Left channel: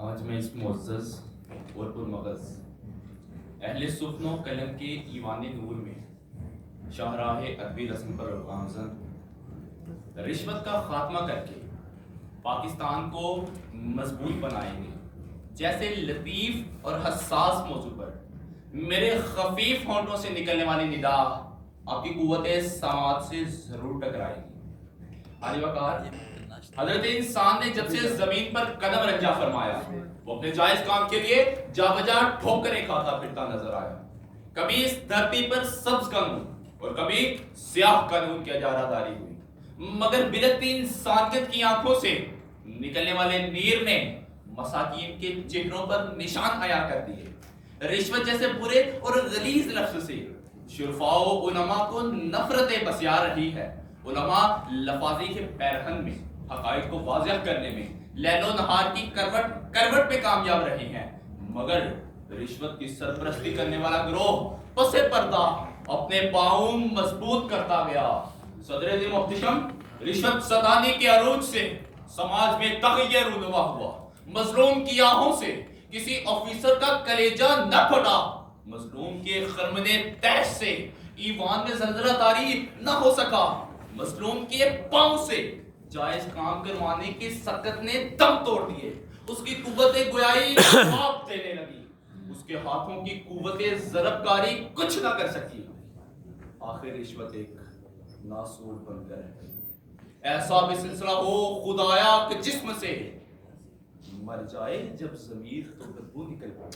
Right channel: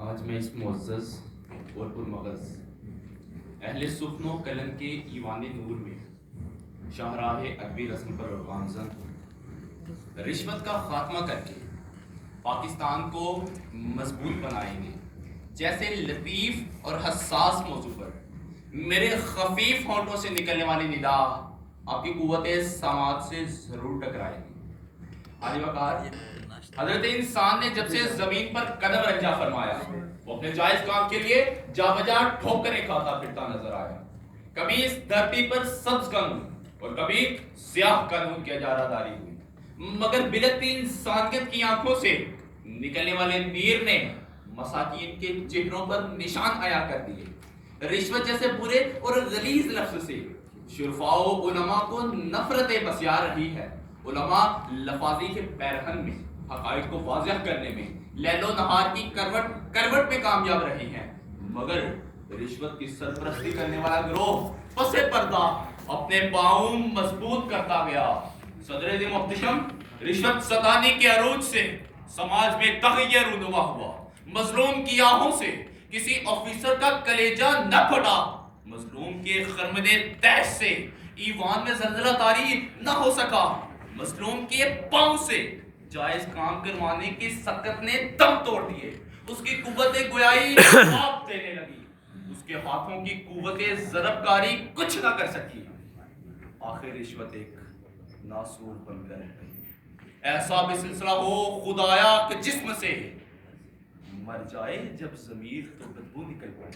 آج میں اس معزز اور پرمغز اہل سخن و قلم کے ایوان نور میں شاہراہ ادبی رسم پر گامزن رشوت کا خاتمہ کر کے پاکستان کو مضبوط بنائیں گے جیسے لطیف اور حساس موضوع پر میرے خفیف ہونٹوں سے نکلنے والی ندا آپ کی قوت سماعت سے ضرور ٹکرائے گی۔ عالی وقار حضرت انسان نے جب سے زمین پر قدم رنجا فرمایا وہ اپنے جائز کام کے لیے جا بجا ٹھوکریں کھاتا پھرتا نظر آیا۔ کبھی اس دھرتی پر سبز قانون اور کبھی سیاہ قانون کی اجارہ داری ہوئی، مگر بلکتی انسانیت کی آنکھوں سے نکلنے والے نیر نے مساکین کے چہروں پر نشان عیاں کر دیے۔ رشوت جیسے برے اور غلیظ لفظ سے شرفاء و علماء کو نفرت بسیا رہی ہے۔ علماء لفاظی کے پیرہن میں حقائق کو واضح کرنے میں لیل و نہار کی کروٹ میں کامیاب رہی ہیں، مگر رشوت کی سرپرستی کرنے والا گروہ پس پردہ اپنے پاؤں مضبوط کرتا گیا۔ صدر محتشم، رشوت ستانی کے عروج سے سماج میں تغیر رونما ہوا۔ مظلوم کی آہوں سے کسی آفیسر کا کلیجہ نہ پھٹا، مظلوم کے خرمنِ تیش سے ایوان میں زلزلہ طاری نہ ہو سکا، مظلوم کے پاؤں سے جائز کام کروانے کی سکت نے دم توڑ دیے، اس کی قوت گویائی جواب دینے لگی، اس کے ہاتھوں کی قوت ضرب کاری کچھ نہ کر سکی۔ آخر رشوت ایک ناسور بن کر رہ گئی۔ ایسا بھی سلسلہ ہو خدایا کہ جسم سے مر جائے جب ضمیر تو بدبو نکل پائے۔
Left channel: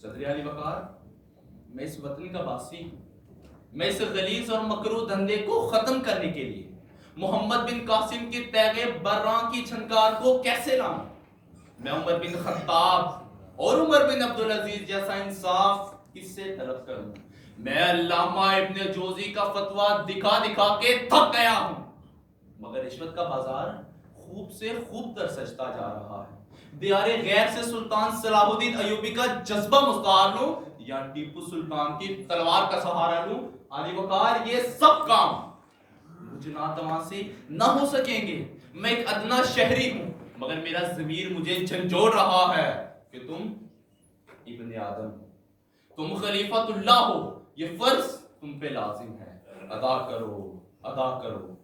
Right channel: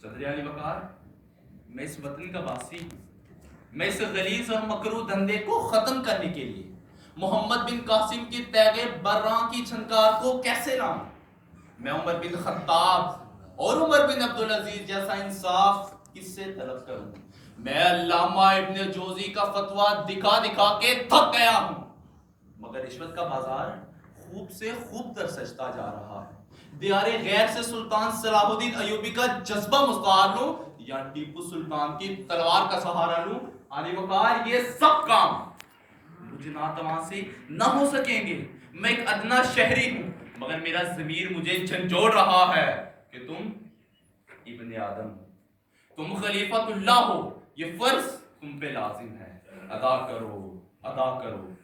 صدر علی وقار، میں اس وطن کا باسی ہوں، میں اس غلیظ اور مکروہ دھندے کو ختم کرنے کے لیے محمد بن قاسم کی تیغ براں کی چھنکار کو کیسے لاؤں؟ میں عمر بن خطاب اور عمر بن عبدالعزیز جیسا انصاف کس سے طلب کروں؟ میں علامہ ابن جوزی کا فتویٰ دکھا دکھا کے تھک گیا ہوں، مگر رشوت کا بازار خوب سے خوب تر سجتا جا رہا ہے۔ دیار غیر سے سلطان صلاح الدین ایوبی کا جذبہ مستعار لوں یا ٹیپو سلطان کی تلوار کا سہارا لوں؟ علی وقار، یہ سب کام مجھے ناتواں سے نہ ہو سکیں گے۔ میں ایک ادنا شہری ہوں، مگر میرا ضمیر مجھے جھنجھوڑ رہا ہے کہ تم ابن آدم ہو، تم خلیفۃ اللہ ہو، یہ فرض تم پہ لازم ہے۔ ادا کرو، ادا کرو،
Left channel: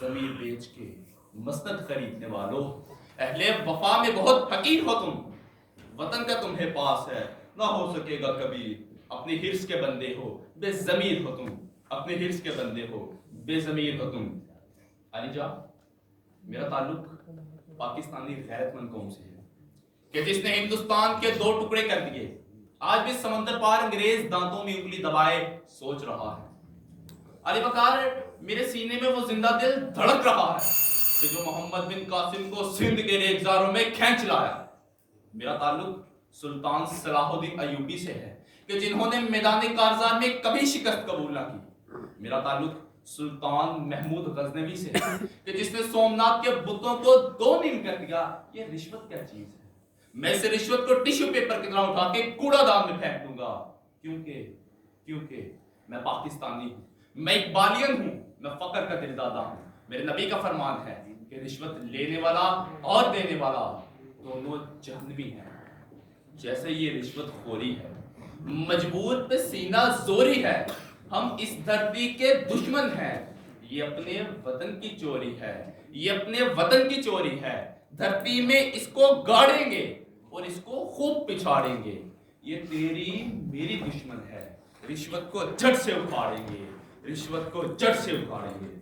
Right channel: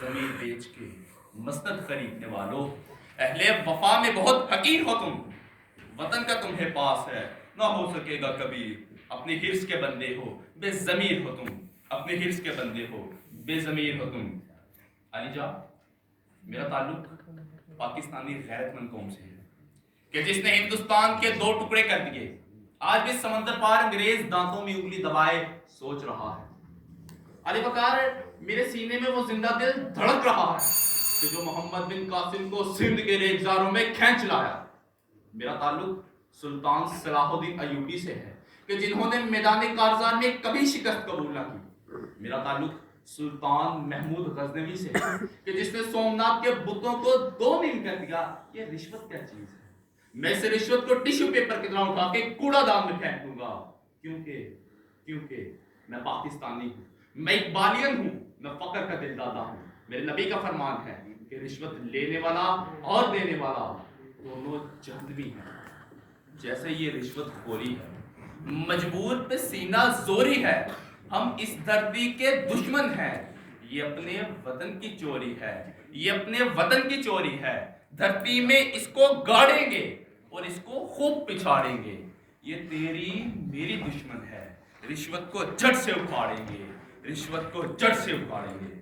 ضمیر بیچ کے مسند خریدنے والو۔ اہل وفا میں بہت حقیر ہو تم، وطن کا تمہیں پاس ہے، نہ ہو سکے گا کبھی۔ اپنی حرص کے بندے ہو، بے ضمیر ہو تم، اپنے حرص کے بندے ہو، بے ضمیر ہو تم۔ علی جا، میرا تعلق پاکستانی غیرت مند قوم سے ہے کہ جس نے ہندوستان کے دو ٹکڑے کر دیے، آج بھی سمندر پار انگریز دانتوں میں انگلی دبائے سوچ رہا ہے۔ علی وقار، میرے سینے میں وہ زندہ دل دھڑک رہا ہے کہ جو محمد بن قاسم کو سندھ کے لیے اگزاروں میں کھینچ لایا۔ میرا تعلق سلطان صلاح الدین ایوبی سے ہے کہ جنہوں نے میدان کارزار میں کبھی شکست قبول نہ کی۔ میرا تعلق سلطان محمود غزنوی سے ہے کہ جس نے سومنات کے بتوں کو دو نیم کر دیا۔ یہ رشوت کیا چیز ہے؟ میں اس رشوت کو ٹیشو پیپر کی طرح اٹھا کے کوڑا دان میں پھینک دوں گا، کیونکہ میں پاکستانی ہوں، میں اقبالین ہوں، میں فقر کا دل دادا ہوں۔ میرے نبی کا فرمان ہے کہ رشوت لینے والا اور دینے والا دونوں جہنمی ہیں۔ جیسے یہ رشوت خوری ہے، مجبور پہ سینہ زوری ہے، ہم اس دھرتی کے دشمن ہیں۔ یہ اپنے وطن کی چوری ہے، یہ اپنے وطن کی چوری ہے۔ دھرتی میں اس کو گاڑیں گے اور اس کو خوب پچھاڑیں گے۔ یہ تیری میری دشمن ہے، رشوت کو جڑ سے اکھاڑیں گے، رشوت کو جڑ سے اکھاڑیں گے۔